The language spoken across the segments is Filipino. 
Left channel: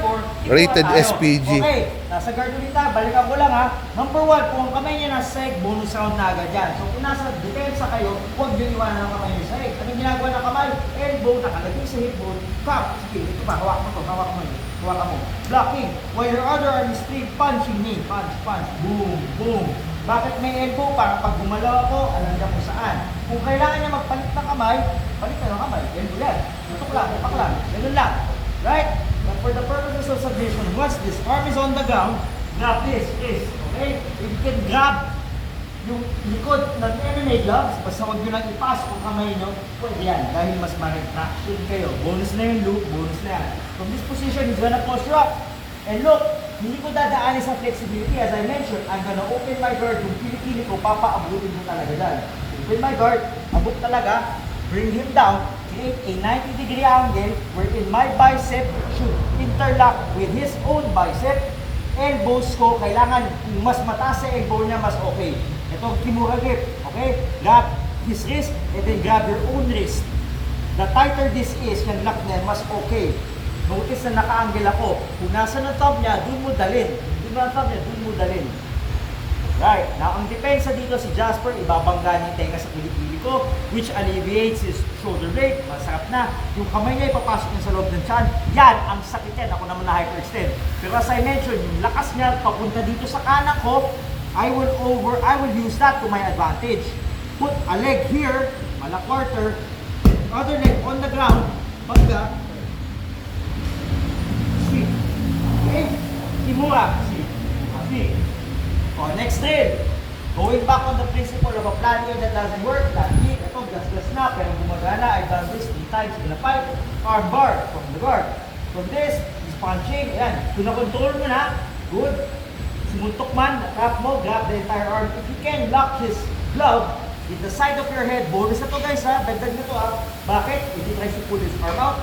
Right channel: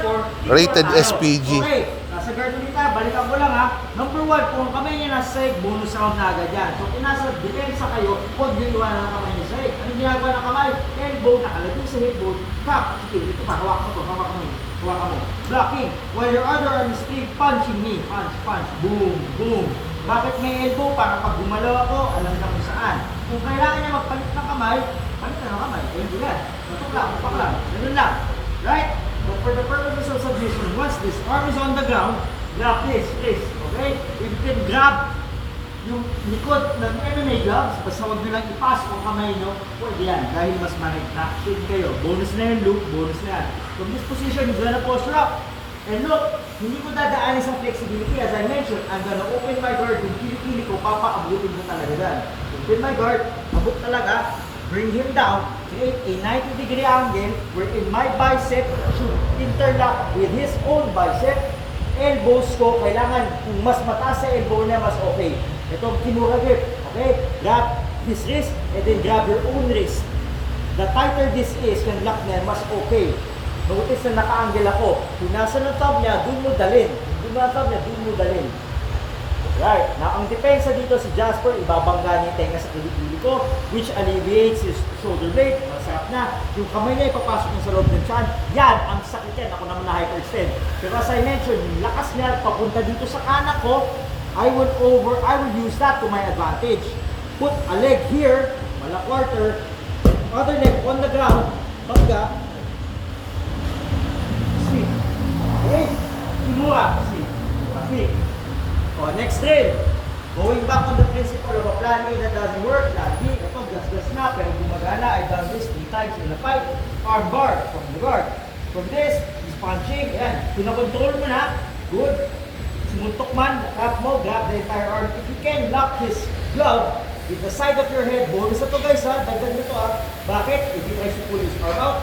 for Rated SPG. Okay, nasa guard ulit tayo. Balikan ko lang ha. Number 1, kung ang kamay niya nasa sahig, bonus round na agad yan. So kung nasa depensa kayo, huwag nyo iwanan ang kamay niya sa sahig. Anong ginagawa ng kamay? Elbow, nakalagay sa hip bone. Cup. Sige, ito pa. Hawak mo to. Hawak mo. Hawak mo. Blocking. While your other arm is straight, punching me. Punch, punch. Boom, boom. Bakit may elbow? Para pag gumalaw ako, alam niya kung saan. Kung kailangan niya magpalit ng kamay, palit na ng kamay. Elbow yan. Tapak lang. Ganun lang. Right? But for the purposes of submission, once this arm is on the ground, grab this. Okay? If you can grab yung likod ng MMA gloves, basta huwag nyo lang ipas kung kamay nyo, pwede yan. Dahil mas ma-retraction kayo. Bonus na yung loop, bonus na yan. From this position, he's gonna posture up. And look, hindi ko dadaanin sa flexibility. As I mentioned, I'm gonna open my guard. Kung pili-pili ko, papaabutin mo talaga dyan. Open my guard, abok talaga, bring him down, create a 90-degree angle wherein my bicep should interlock with his own bicep. Elbows ko, kailangan mas mataas sa elbow niya, mas okay. Ito ang Kimura grip, okay? Grab his wrist and then grab your own wrist. The tighter this is, yung lock niya, mas okay. Notice na naka-angle ako. Kung nasa na top niya, doon mo dalhin. Doon mo na top niya, doon mo dalhin. Right. Now, ang depensa dito si Jasper, ibabangga niya tenga sa kilikili ko, which alleviates his shoulder blade. Masarap na. Yung kamay niya ipapasok niya sa loob ng tiyan. Yan, ang sakit yan. Ako naman na hyperextend. Pero as I mentioned, yung lakas niya papunta dito sa kanak ko, I will use that to my advantage. Put a leg here, mala quarter, other leg on the ground, bangga, see. Okay? Kimura, see. Perfect. Oh, next drill. Going back on the principle of a plan A that doesn't work, plan B, ito, gas-gas na, pero gumagana. I've done this 3 times in a fight. Arm bar, from the guard. From this, is punching, yan. Pinakontrol mo na, good. Sumuntok man, tap mo, grab the entire arm. If you can lock his glove with the side of your head, bonus na to guys ha, dagdag nito ha. Bakit? If he tries to pull his arm out,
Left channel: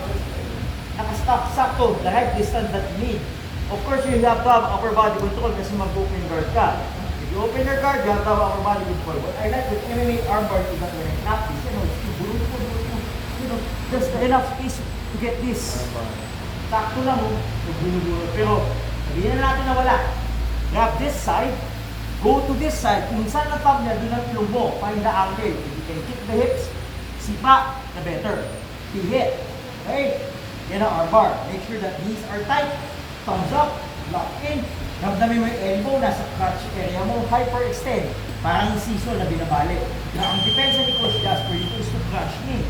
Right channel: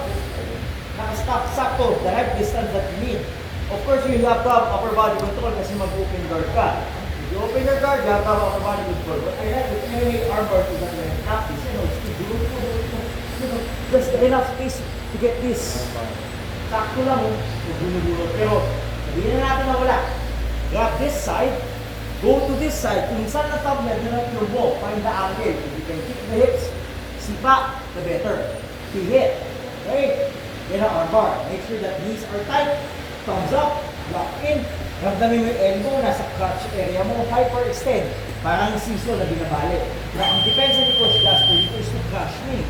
naka-stop sakto, the right distance that you need. Of course, you have to have upper body control kasi mag-open guard ka. If you open your guard, you have to have upper body control. But I like with MMA arm guard, you have to practice. Just enough space to get this. Sakto lang, pero hindi na natin nawala. Grab this side, go to this side. Kung saan na top niya, ganap yung mo, find the angle. If you can kick the hips, sipa, the better. He hit. Okay? Yan ang arm bar. Make sure that knees are tight. Thumbs up, lock in. Ramdamin mo yung elbow, nasa crotch area mo, hyperextend. Parang siso na binabalik. Now, ang depensa ni Coach Jasper dito is to crush me.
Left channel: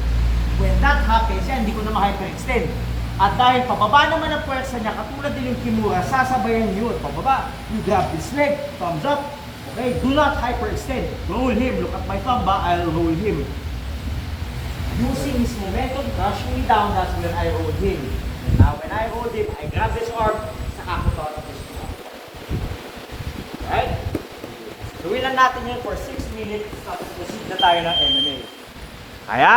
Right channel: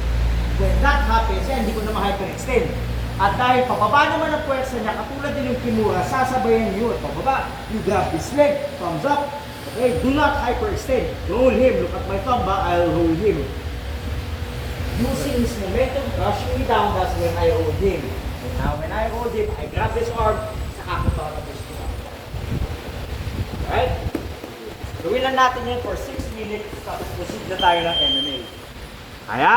When that happens, yan, hindi ko na ma-hyperextend. At dahil pababa naman ang puwersa niya, katulad din yung Kimura, sasabayan niyo yun. Pababa, you grab this leg, thumbs up. Okay, do not hyperextend. Roll him. Look at my thumb ba? I'll roll him. Using his momentum, crush me down, that's when I hold him. And now when I hold him, I grab this arm, saka ako to ako push ko. Right? Gawin lang natin yun for 6 minutes, tapos proceed na tayo ng MMA. Kaya?